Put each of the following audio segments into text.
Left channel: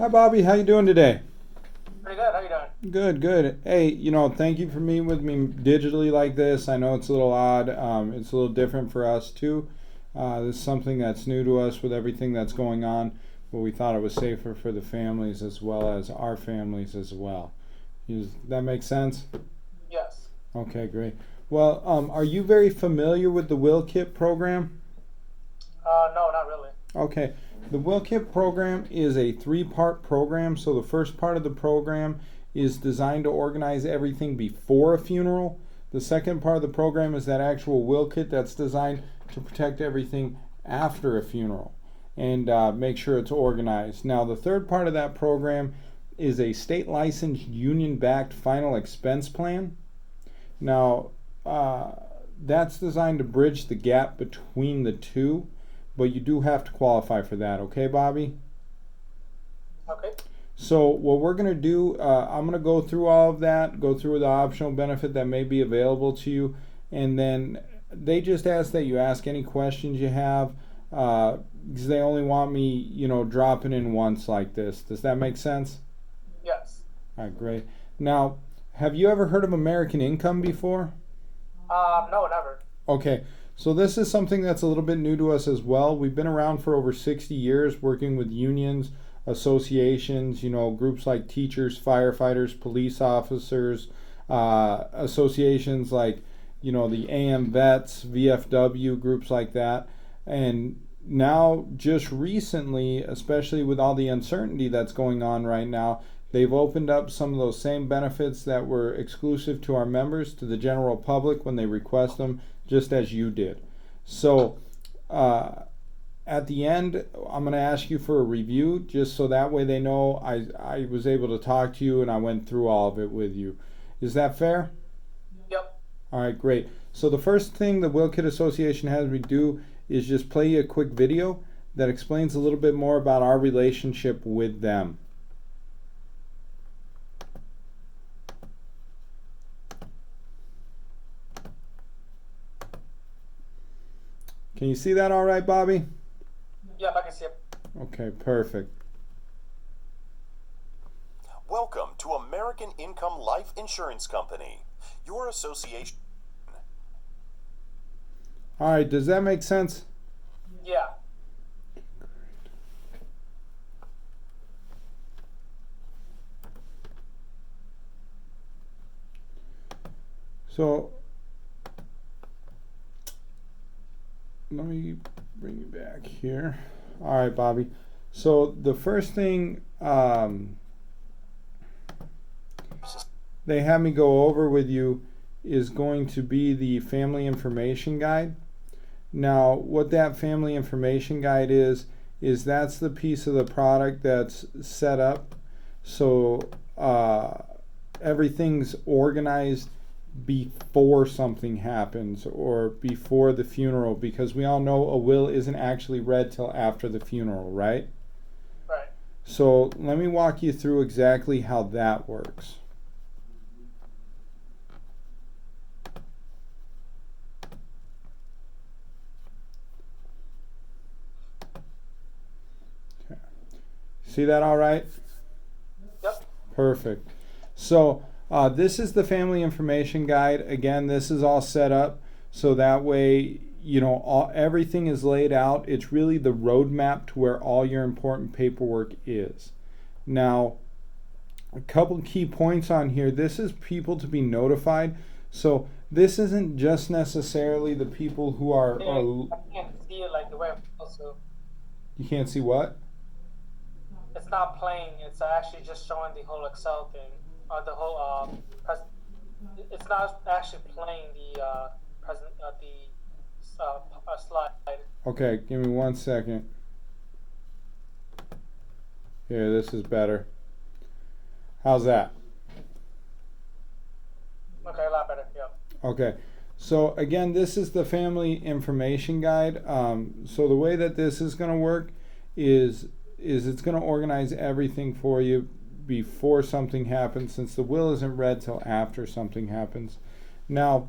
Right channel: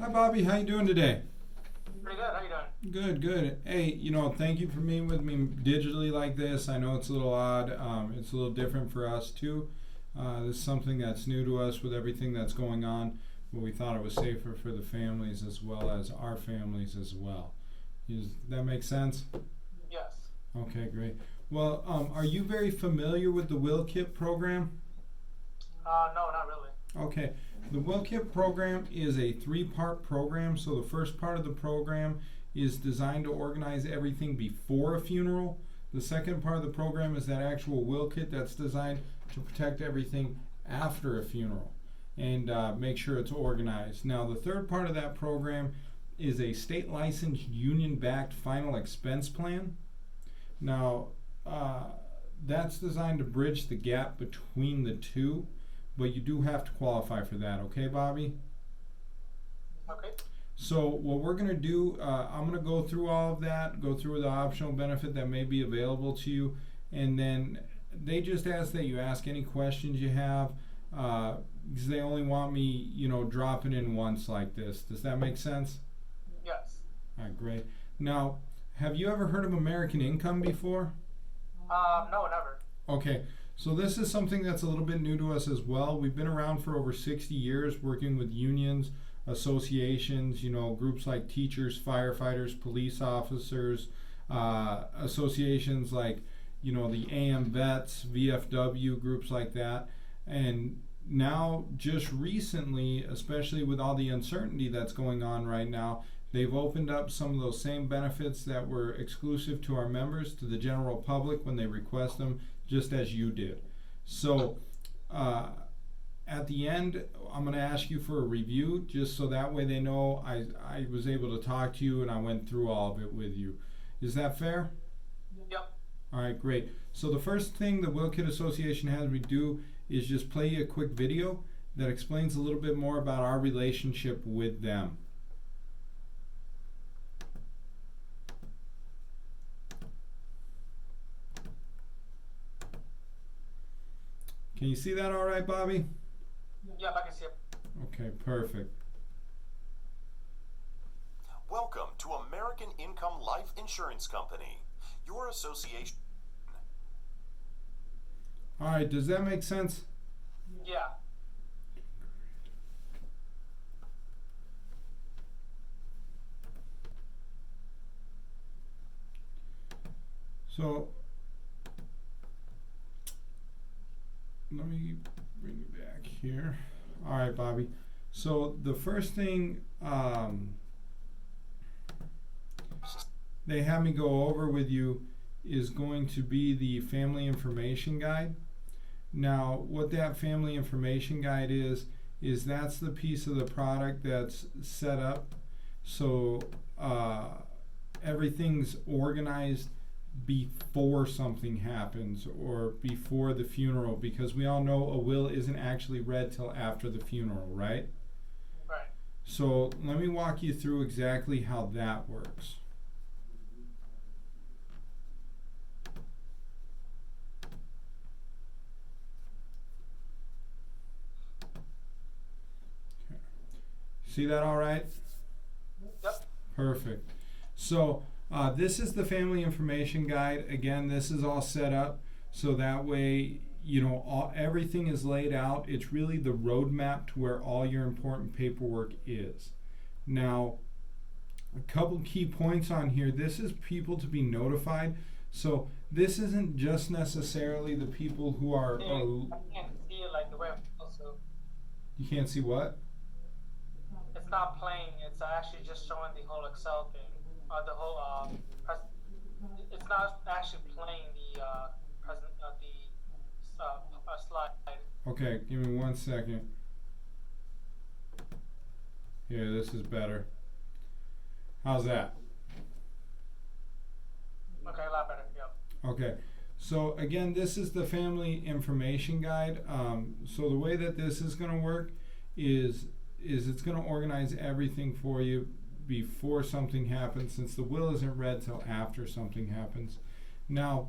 Hi, Bobby. How you doing today? Pretty good. How you doing? Good, good. Hey, thank you for meeting with me digitally like this. I know it's a little odd. It's a little different for us too. This is something that's new to us with everything that's going on, but we thought it was safer for the families as well as our families as well. Does that make sense? Yes. Okay, great. Well, are you very familiar with the Will Kit program? No, not really. Okay, the WillKit program is a three-part program. So the first part of the program is designed to organize everything before a funeral. The second part of the program is that actual will kit that's designed to protect everything after a funeral and make sure it's organized. Now, the third part of that program is a state licensed union backed final expense plan. Now, that's designed to bridge the gap between the two, but you do have to qualify for that, okay, Bobby? Okay. So what we're going to do, I'm going to go through all of that, go through the optional benefit that may be available to you, and then they just ask that you ask any questions you have, because they only want me, dropping in once like this. Does that make sense? Yes. All right, great. Now, have you ever heard of American Income before? No, never. Okay, so this is something that's a little bit new to us as well. We've been around for over 60 years working with unions, associations, groups like teachers, firefighters, police officers, associations like, the AM Vets, VFW, groups like that. And now, just recently, especially with all the uncertainty that's going on right now, they've opened up some of those same benefits that were exclusive to our members to the general public when they request them, just as you did. So, at the end, I'm going to ask you for a review just so that way they know I was able to talk to you and I went through all of it with you. Is that fair? Yep. All right, great. So the first thing the Will Kit Association has me do is just play you a quick video that explains a little bit more about our relationship with them. Can you see that all right, Bobby? Yep, I can see it. Okay, perfect. Welcome to American Income Life Insurance Company. Your association. All right, does that make sense? Yeah. So let me bring you back here. All right, Bobby. So the first thing they have me go over with you is going to be the family information guide. Now, what that family information guide is that's the piece of the product that's set up so everything's organized before something happens or before the funeral, because we all know a will isn't actually read till after the funeral, right? Right. So let me walk you through exactly how that works. Okay. See that all right? Yep. Perfect. So this is the family information guide. Again, this is all set up so that way everything is laid out. It's really the roadmap to where all your important paperwork is. Now, a couple key points on here. This is people to be notified. So this isn't just necessarily the people who are I can't see it like the way I'm supposed to. you can't see what? It's not playing. It's actually just showing the whole Excel thing. The whole It's not actually playing the present the slide. Okay, give me 1 second. Here, this is better. How's that? Okay, a lot better. Yep. Okay, so again, this is the family information guide. So the way that this is going to work is it's going to organize everything for you before something happens, since the will isn't read till after something happens. Now,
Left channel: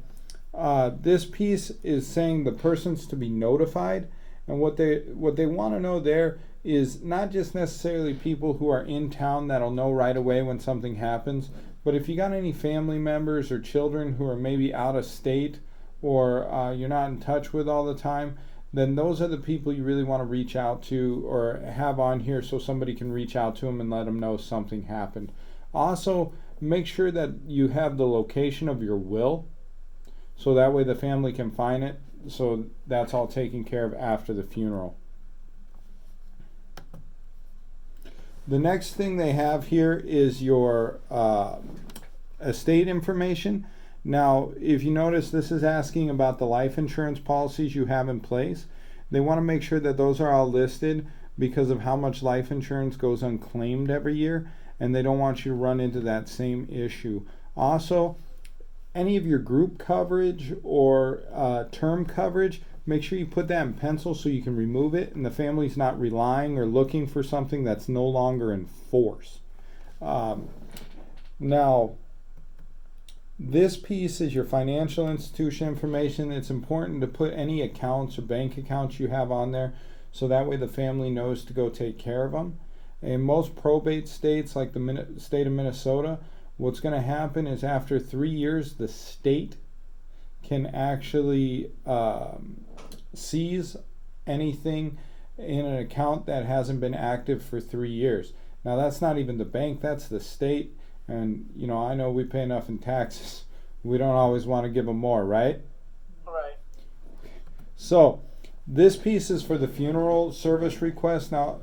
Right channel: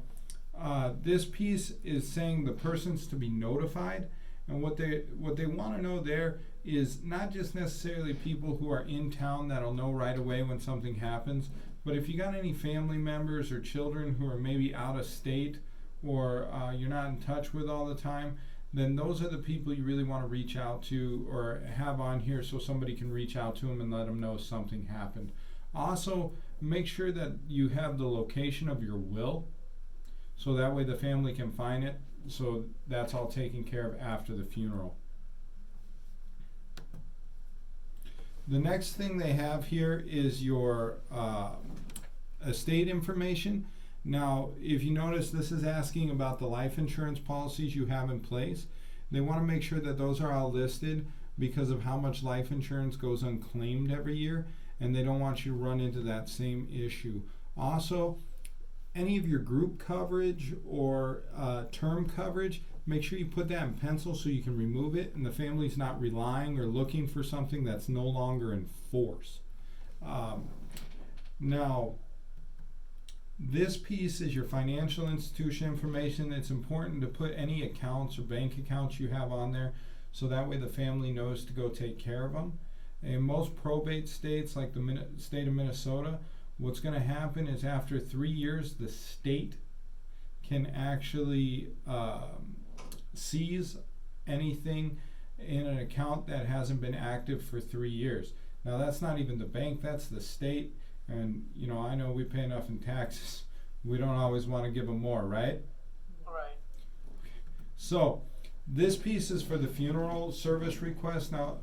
this piece is saying the person's to be notified, and what they want to know there is not just necessarily people who are in town that'll know right away when something happens, but if you got any family members or children who are maybe out of state or you're not in touch with all the time, then those are the people you really want to reach out to or have on here so somebody can reach out to them and let them know something happened. Also, make sure that you have the location of your will so that way the family can find it. So that's all taken care of after the funeral. The next thing they have here is your estate information. Now, if you notice, this is asking about the life insurance policies you have in place. They want to make sure that those are all listed because of how much life insurance goes unclaimed every year, and they don't want you to run into that same issue. Also, any of your group coverage or term coverage, make sure you put that in pencil so you can remove it and the family's not relying or looking for something that's no longer in force. Now, this piece is your financial institution information. It's important to put any accounts or bank accounts you have on there so that way the family knows to go take care of them. In most probate states, like the state of Minnesota, what's going to happen is after 3 years, the state can actually seize anything in an account that hasn't been active for 3 years. Now, that's not even the bank, that's the state. And, you know, I know we pay enough in taxes. We don't always want to give them more, right? Right. So, this piece is for the funeral service request. Now,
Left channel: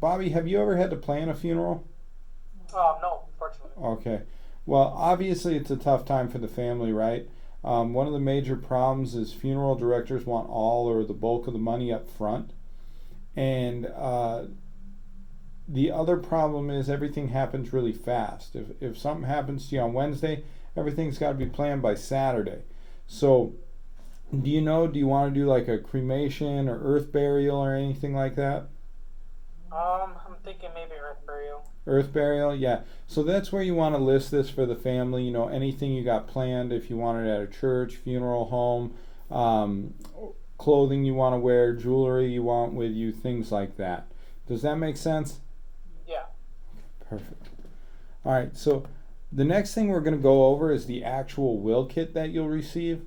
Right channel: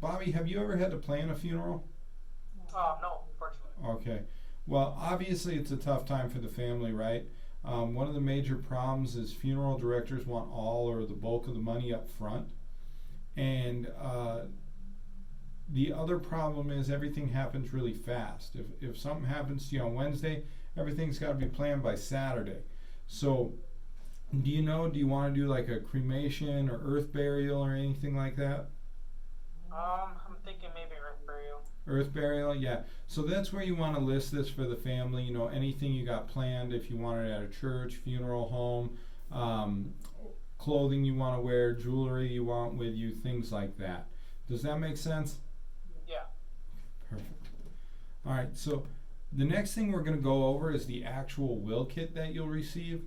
Bobby, have you ever had to plan a funeral? No, fortunately. Okay. Well, obviously it's a tough time for the family, right? One of the major problems is funeral directors want all or the bulk of the money up front. And the other problem is everything happens really fast. If something happens to you on Wednesday, everything's got to be planned by Saturday. So, do you want to do like a cremation or earth burial or anything like that? I'm thinking maybe earth burial. Earth burial, yeah. So that's where you want to list this for the family. You know, anything you got planned, if you want it at a church, funeral home, clothing you want to wear, jewelry you want with you, things like that. Does that make sense? Yeah. Perfect. All right, so the next thing we're going to go over is the actual will kit that you'll receive.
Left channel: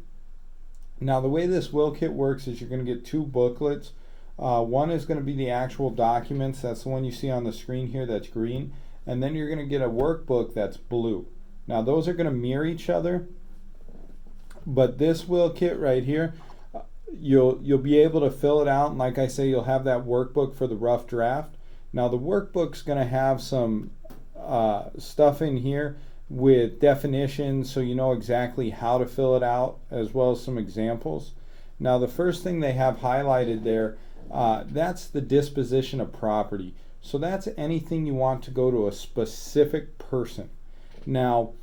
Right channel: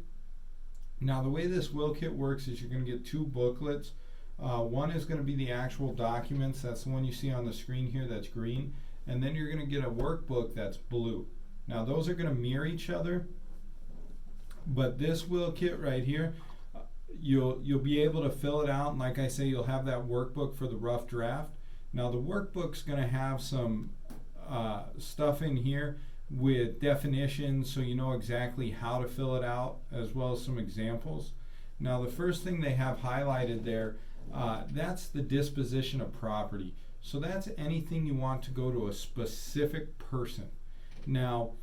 Now, the way this will kit works is you're going to get 2 booklets. One is going to be the actual documents. That's the one you see on the screen here that's green. And then you're going to get a workbook that's blue. Now, those are going to mirror each other. But this will kit right here, you'll be able to fill it out. And like I say, you'll have that workbook for the rough draft. Now, the workbook's going to have some stuff in here with definitions so you know exactly how to fill it out, as well as some examples. Now, the first thing they have highlighted there, that's the disposition of property. So that's anything you want to go to a specific person. Now,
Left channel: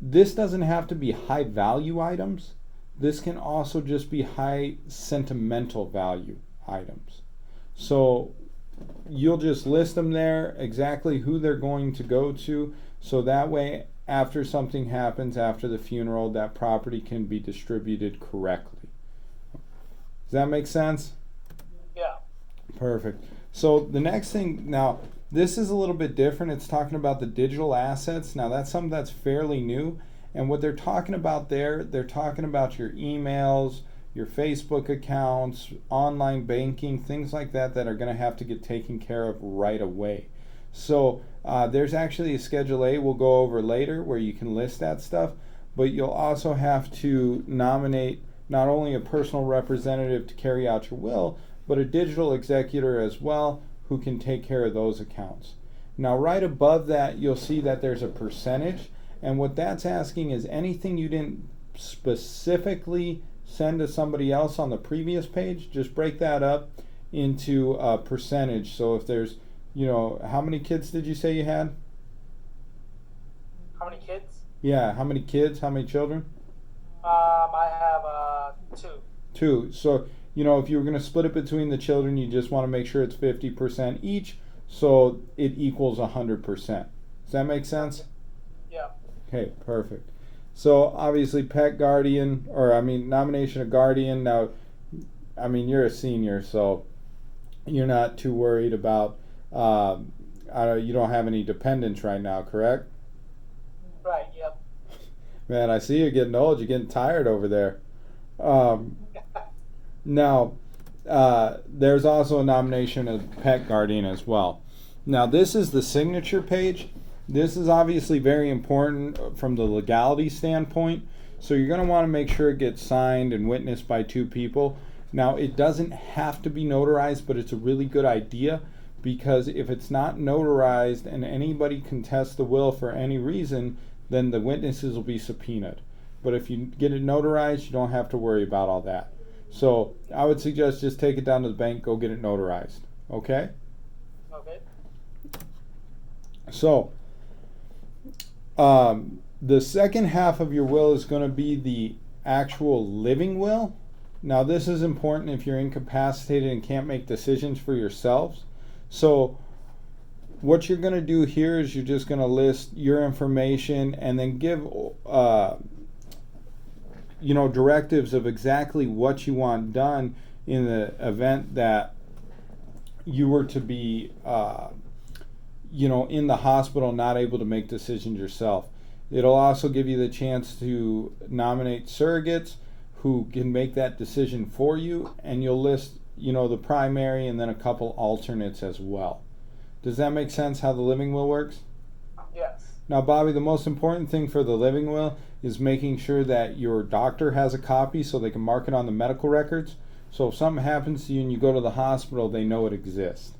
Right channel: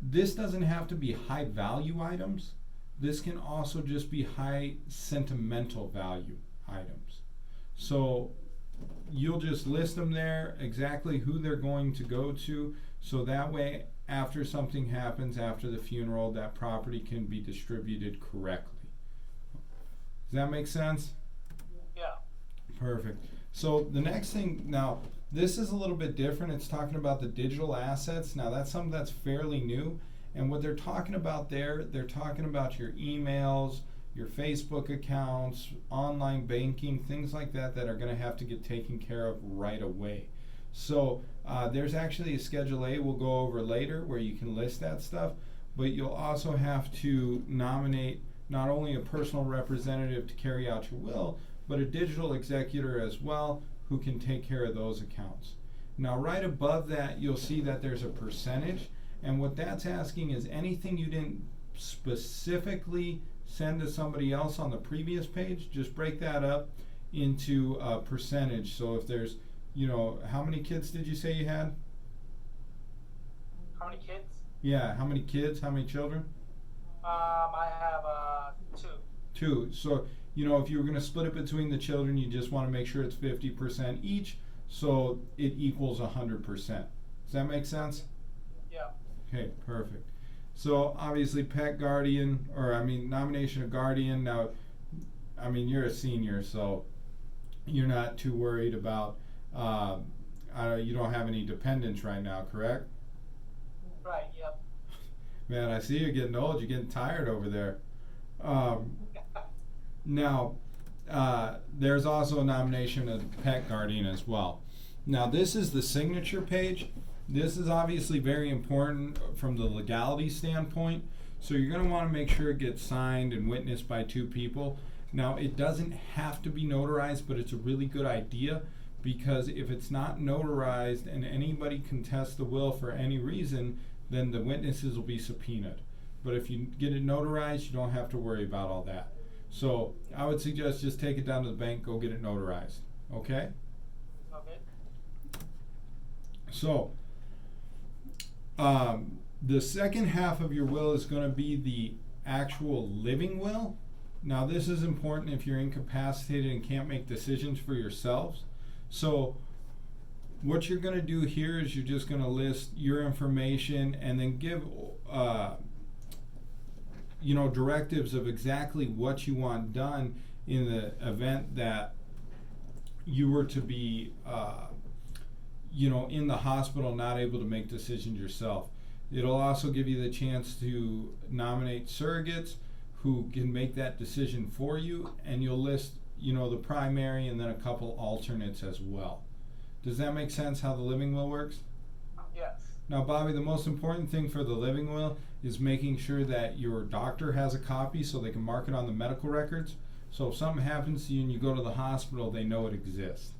this doesn't have to be high value items. This can also just be high sentimental value items. So you'll just list them there, exactly who they're going to go to, so that way after something happens after the funeral, that property can be distributed correctly. Does that make sense? Yeah. Perfect. So the next thing, now this is a little bit different. It's talking about the digital assets. Now that's something that's fairly new. And what they're talking about there, they're talking about your emails, your Facebook accounts, online banking, things like that that are going to have to get taken care of right away. So there's actually a Schedule A we'll go over later where you can list that stuff, but you'll also have to nominate not only a personal representative to carry out your will, but a digital executor as well who can take care of those accounts. Now right above that you'll see that there's a percentage, and what that's asking is anything you didn't specifically send to somebody else on the previous page, just break that up into a percentage. So if there's, you know, how many kids did you say you had? How many kids? Yeah, how many kids? How many children? I have 2. 2. So, you know, if you were going to split it between the children, you just want to make sure it's 50% each, so it equals 100%. Does that make sense? Yeah. Okay, perfect. So obviously pet guardian, or nomination of guardian. Now, you're a senior, so you're not too worried about. You don't have any dependents right now, correct? Right. Yep. Man, I see you're getting old. You're getting tired over there. Um, Now, there's also a nomination of pet guardian as well. Now, this is the signature page. This is obviously very important from the legality standpoint. So you're going to want to make sure it gets signed and witnessed by two people. Now, it doesn't have to be notarized, but it's a really good idea because if it's not notarized and anybody contests the will for any reason, then the witnesses will be subpoenaed. But if you get it notarized, you don't have to worry about all that. So I would suggest just take it down to the bank, go get it notarized. Okay? Okay. So the second half of your will is going to be the actual living will. Now this is important if you're incapacitated and can't make decisions for yourselves. So what you're going to do here is you're just going to list your information and then give directives of exactly what you want done in the event that you were to be in the hospital, not able to make decisions yourself. It'll also give you the chance to nominate surrogates who can make that decision for you, and you'll list the primary and then a couple alternates as well. Does that make sense how the living will works? Yes. Now, Bobby, the most important thing for the living will is making sure that your doctor has a copy so they can mark it on the medical records. So if something happens to you and you go to the hospital, they know it exists.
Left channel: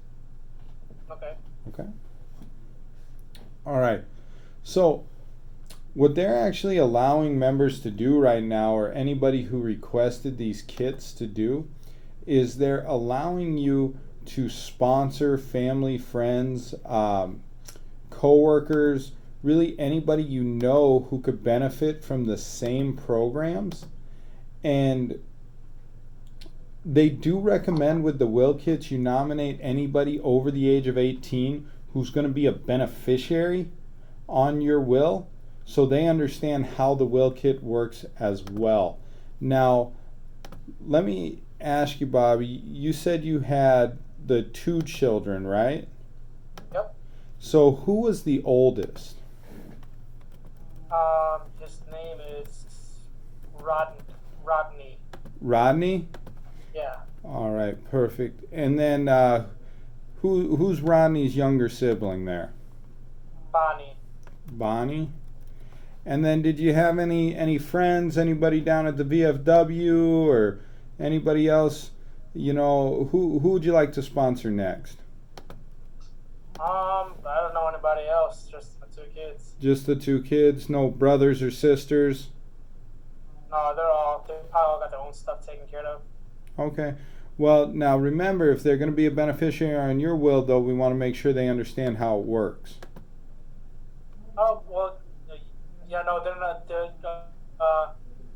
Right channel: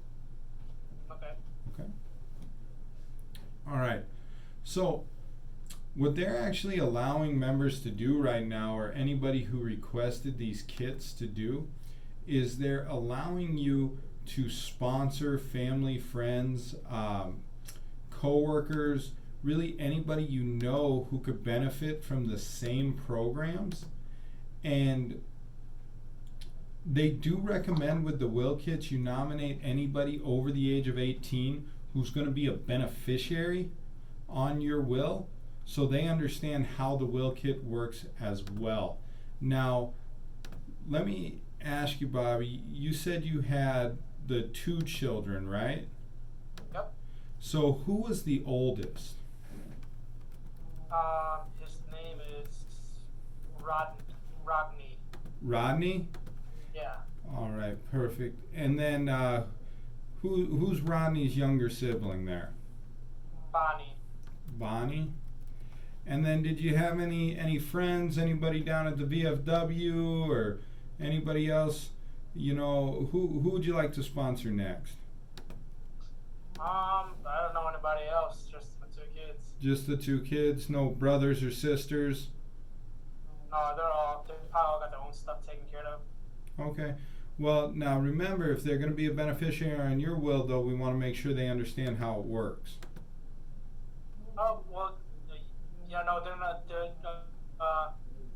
Okay. Okay? All right. So what they're actually allowing members to do right now, or anybody who requested these kits to do, is they're allowing you to sponsor family, friends, co-workers, really anybody you know who could benefit from the same programs. And they do recommend with the will kits you nominate anybody over the age of 18 who's going to be a beneficiary on your will, so they understand how the will kit works as well. Now, let me ask you, Bobby, you said you had the 2 children, right? Yep. So who was the oldest? His name is Rodney. Rodney? Yeah. All right, perfect. And then who's Rodney's younger sibling there? Bonnie. Bonnie. And then did you have any friends, anybody down at the VFW or anybody else, who would you like to sponsor next? I don't know anybody else, just the 2 kids. Just the 2 kids, no brothers or sisters? No, they probably all got their own stuff taken care of. Okay. Well, now remember, if they're going to be a beneficiary on your will, though, we want to make sure they understand how it works. Oh, well, yeah, no, they're not.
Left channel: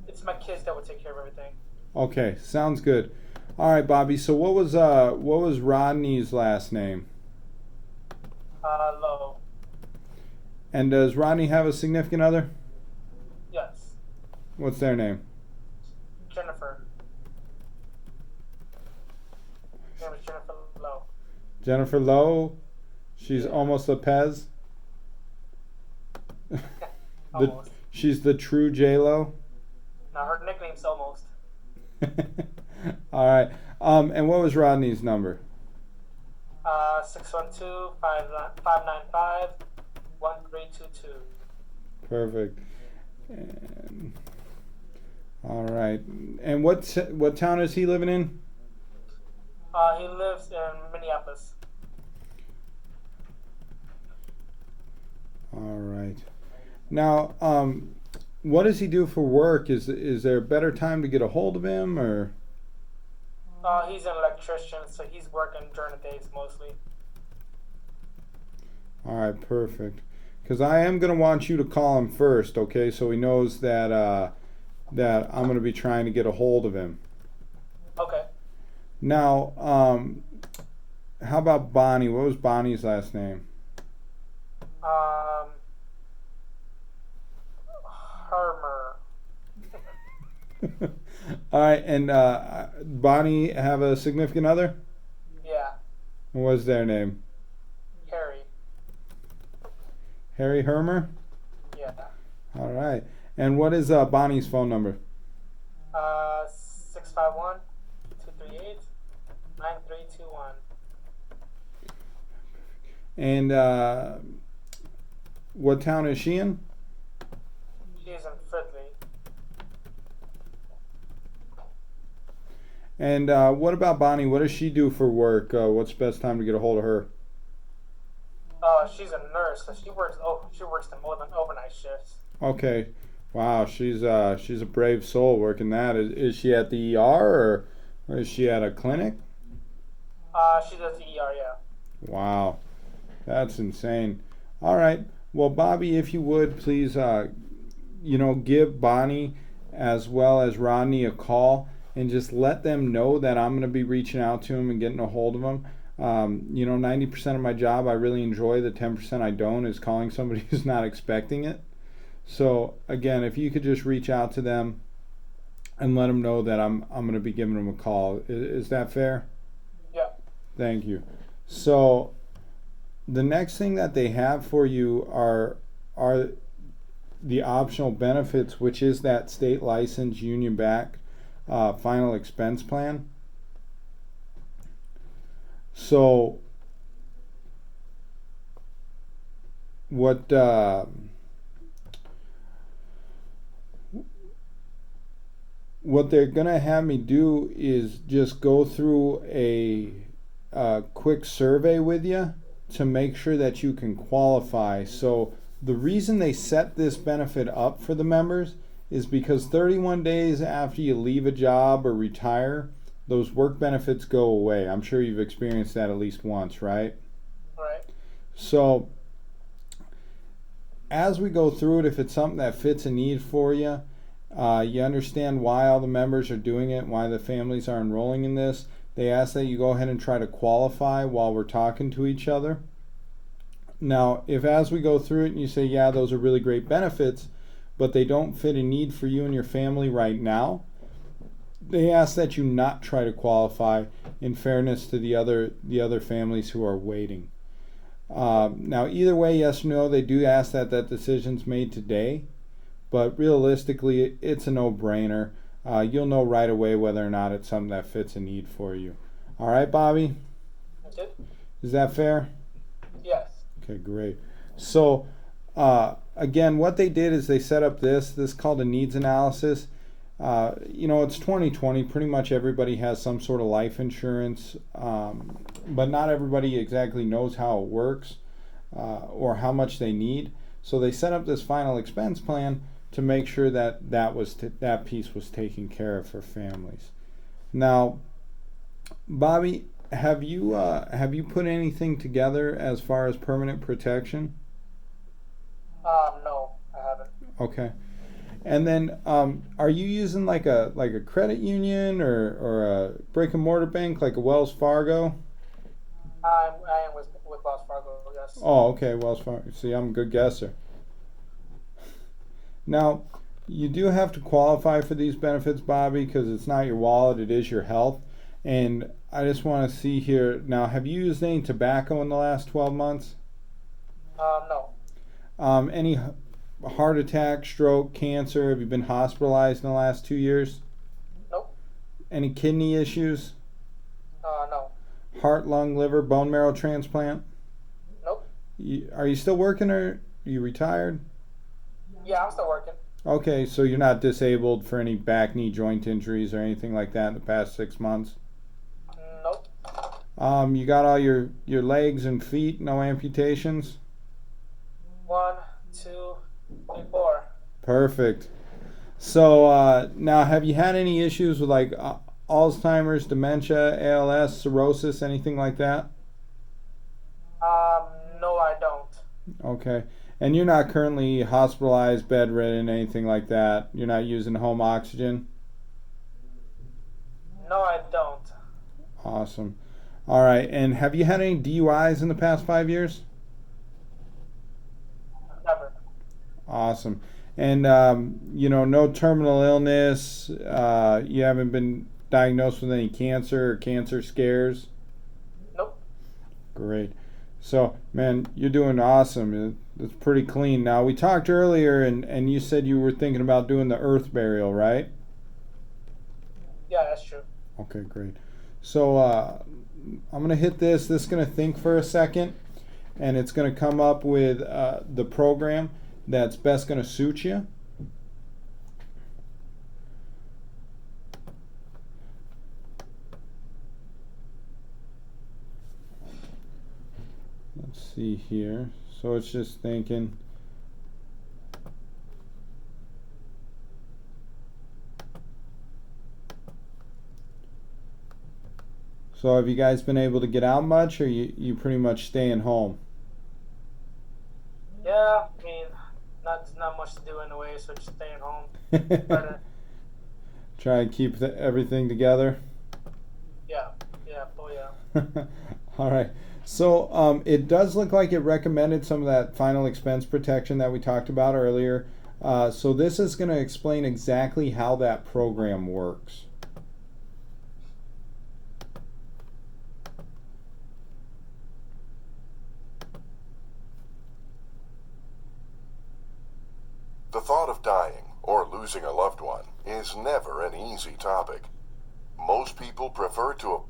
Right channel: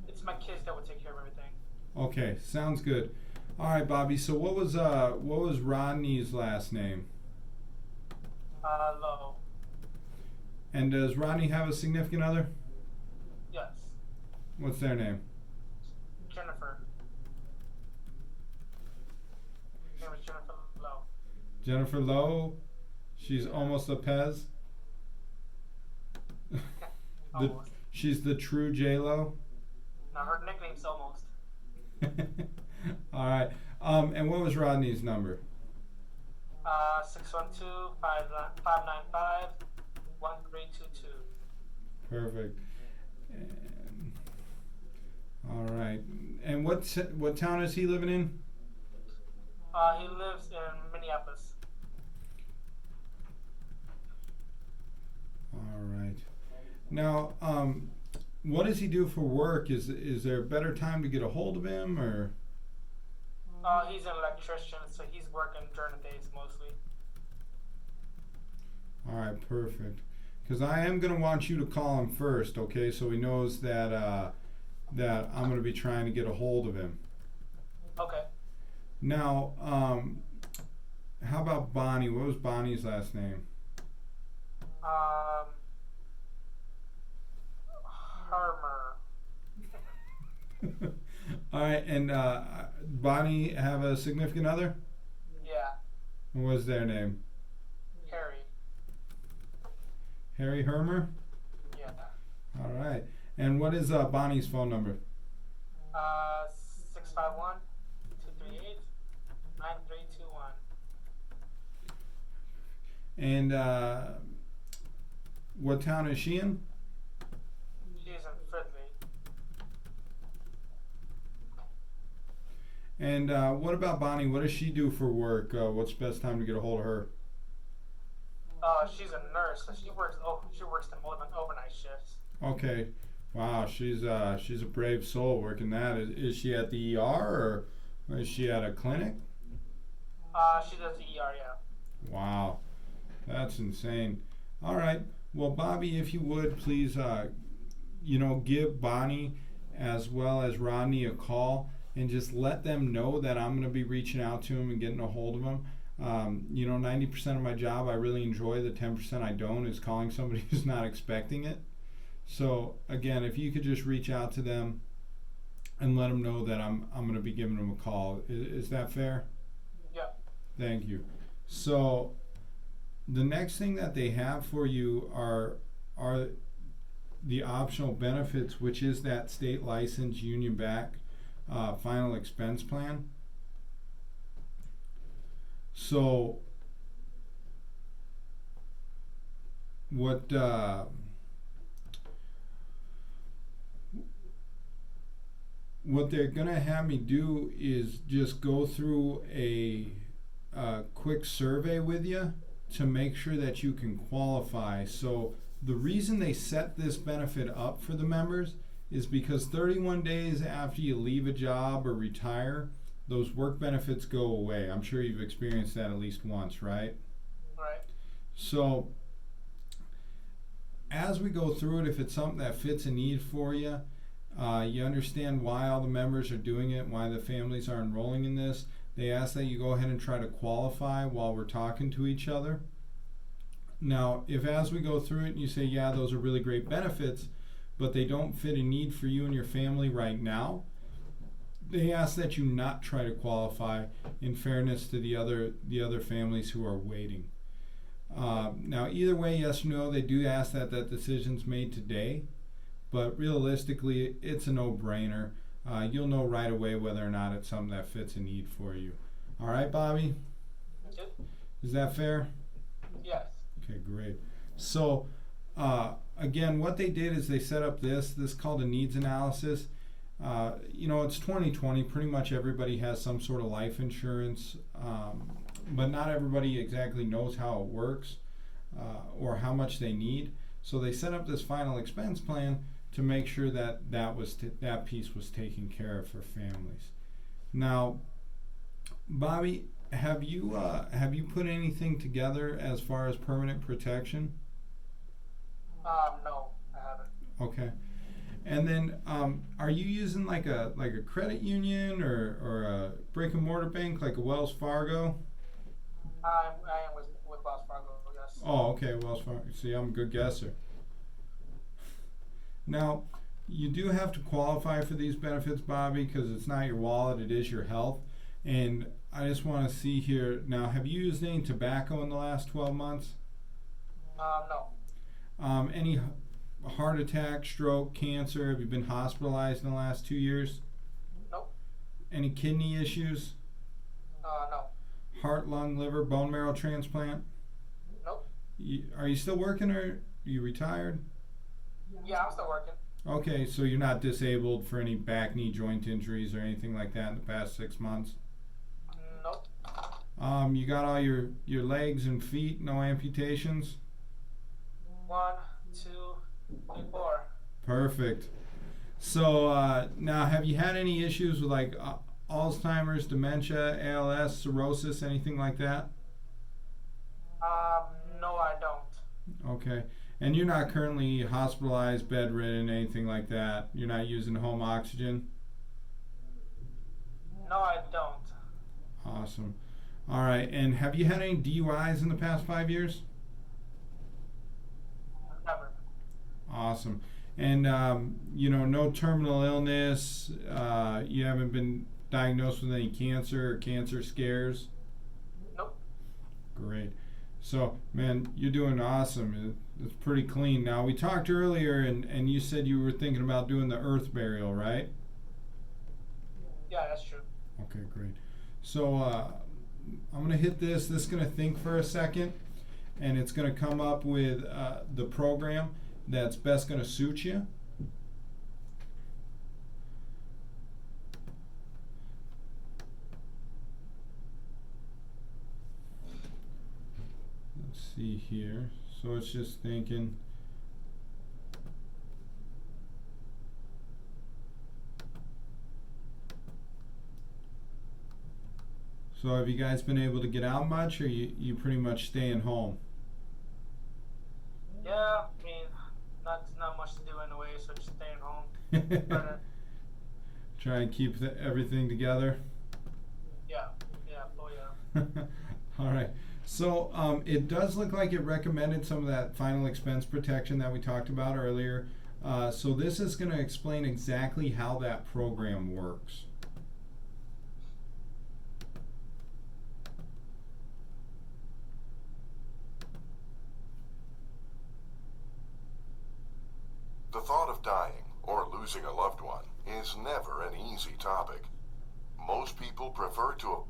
It's my kids that would take care of everything. Okay, sounds good. All right, Bobby. So what was Rodney's last name? Low. And does Rodney have a significant other? Yes. What's their name? Jennifer. Her name is Jennifer Lowe. Jennifer Lowe. She's almost a Pez. Almost. She's the true J-Lo. Now her nickname's Almost. All right. And what was Rodney's number? 612-595-1322. Perfect. And, all right. And what town is he living in? He lives in Minneapolis. All right. Now, what does he do for work? Is there a better time to get a hold of him, or? He's an electrician, so he's working during the days mostly. All right, perfect. Because I am going to want you to call him first, okay? So he knows that that I'm going to be trying to get a hold of him. Okay. Now, how about Bonnie? What was Bonnie's last name? Hermer. All right, and Bonnie have a significant other? Yeah. What's their name? Harry. Harry Hermer? Yeah. All right. And what is Bonnie's phone number? 651 238 9321. And what town is she in? She's in Fridley. And what about Bonnie? What does she do for work? What's the best time to get a hold of her? She's a nurse, so she works the more than overnight shifts. Okay. Wow, she's a brave soul working that. Is she at the ER or is she at a clinic? She does the ER, yeah. Wow, that's insane. All right. Well, Bobby, if you would please, give Bonnie as well as Rodney a call and just let them know that I'm going to be reaching out to them and getting a hold of them. 90% of my job I really enjoy. The 10% I don't is calling somebody who's not expecting it. So again, if you could just reach out to them and let them know that I'm going to be giving them a call. Is that fair? Yeah. Thank you. So the next thing that they have for you are the optional benefits, which is that state license union back final expense plan. So what they're gonna have me do is just go through a quick survey with you to make sure that you can qualify. So the reason they set this benefit up for the members is because 31 days after you leave a job or retire, those work benefits go away. I'm sure you've experienced that at least once, right? Right. So as we go through it, if it's something that fits a need for you, you understand why all the members are doing it, why the families are enrolling in this. They ask that you go ahead and try to qualify while we're talking to each other. Now, if as we go through it and you say, yeah, those are really great benefits, but they don't fit a need for you and your family right now, they ask that you not try to qualify in fairness to the other families who are waiting. Now, either way, yes or no, they do ask that decision's made today, but realistically, it's a no-brainer. You'll know right away whether or not it's something that fits a need for you. All right, Bobby? Okay. Is that fair? Yes. Okay, great. So, again, what they did is they set up this called a needs analysis. It's 2020. Pretty much everybody has some sort of life insurance, but not everybody exactly knows how it works or how much they need. So they set up this final expense plan to make sure that that piece was taken care of for families. Now, Bobby, have you put anything together as far as permanent protection? No, I haven't. Okay. And then, are you using like a credit union or a brick and mortar bank like a Wells Fargo? I am with Wells Fargo, yes. Oh, okay, Wells Fargo. See, I'm a good guesser. Now, you do have to qualify for these benefits, Bobby, because it's not your wallet, it is your health. And I just want to see here. Now, have you used any tobacco in the last 12 months? No. Any heart attack, stroke, cancer? Have you been hospitalized in the last 2 years? Nope. Any kidney issues? No. Heart, lung, liver, bone marrow transplant? Nope. Are you still working or are you retired? Yeah, I'm still working. Okay, so you're not disabled for any back, knee, joint injuries or anything like that in the past 6 months? Nope. You got all your legs and feet, no amputations? 1, 2, 3, 4. Perfect. So now, have you had any issues with like Alzheimer's, dementia, ALS, cirrhosis, anything like that? No, I don't. Okay. And you're not currently hospitalized, bedridden, anything like that? You're not using home oxygen? No, I don't. Awesome. All right. And have you had any DUIs in the past 5 years? Never. Awesome. And, no terminal illness. You haven't been diagnosed with any cancer or cancer scares? Nope. Great. So, man, you're doing awesome. It's pretty clean. Now, we talked earlier, and you said you were thinking about doing the earth burial, right? Yeah, that's true. Okay, great. So, I'm going to hit this. This is going to think for a second, and it's going to come up with the program that's best going to suit you. Let's see here. So it's just thinking. So have you guys been able to get out much, or you pretty much staying home? Yeah, I mean, not much to do anyway, so just staying home. But Try and keep everything together. yeah, oh yeah. All right. So it does look like it recommended some of that final expense protection that we talked about earlier. So this is going to explain exactly how that program works. The thought of dying or losing a loved one is never an easy topic. Most people prefer to.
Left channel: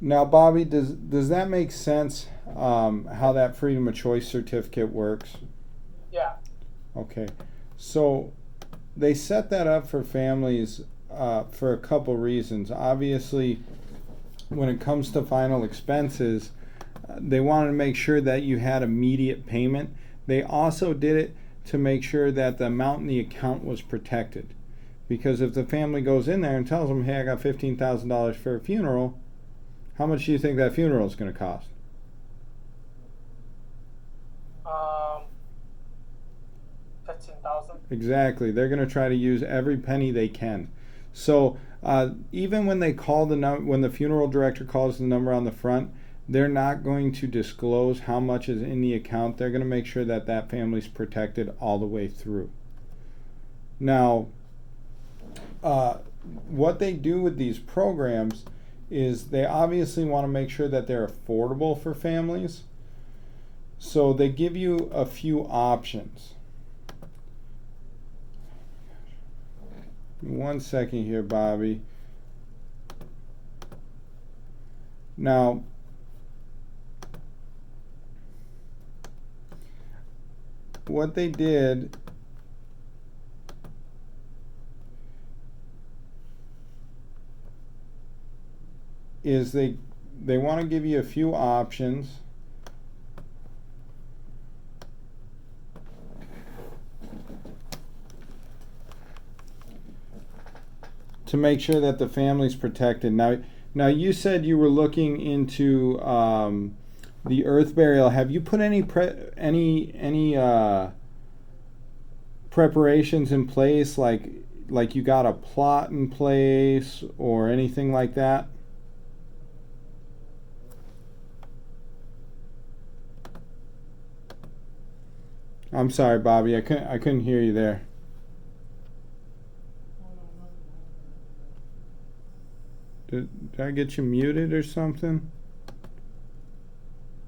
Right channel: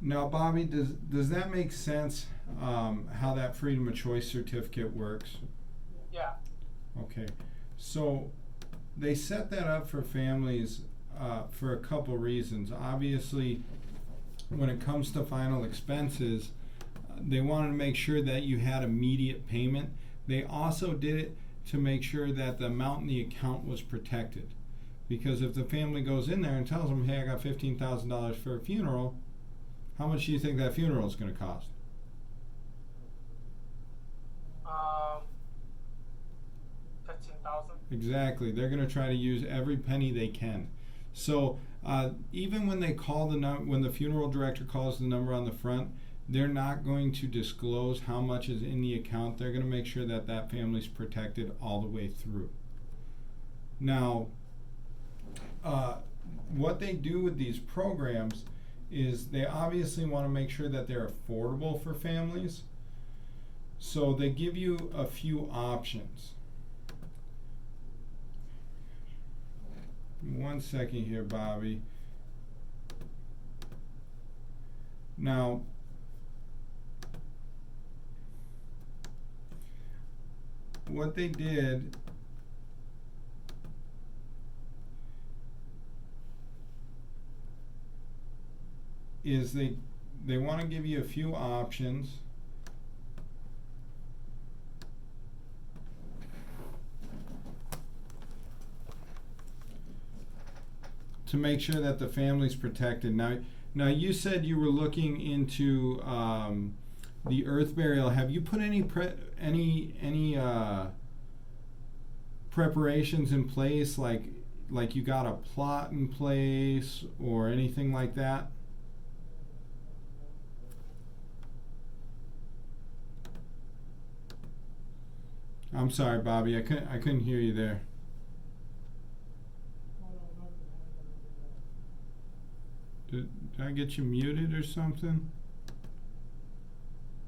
Now, Bobby, does that make sense? How that freedom of choice certificate works? Yeah. Okay, so they set that up for families for a couple reasons. Obviously, when it comes to final expenses, they wanted to make sure that you had immediate payment. They also did it to make sure that the amount in the account was protected. Because if the family goes in there and tells them, hey, I got $15,000 for a funeral, how much do you think that funeral is going to cost? 15,000. Exactly. They're going to try to use every penny they can. So even when they call when the funeral director calls the number on the front, they're not going to disclose how much is in the account. They're going to make sure that that family's protected all the way through. Now, what they do with these programs is they obviously want to make sure that they're affordable for families. So they give you a few options. 1 second here, Bobby. Now, what they did is they want to give you a few options. To make sure that the family's protected. Now you said you were looking into the earth burial. Have you put any preparations in place, like you got a plot in place or anything like that? I'm sorry, Bobby. I couldn't hear you there. Did I get you muted or something?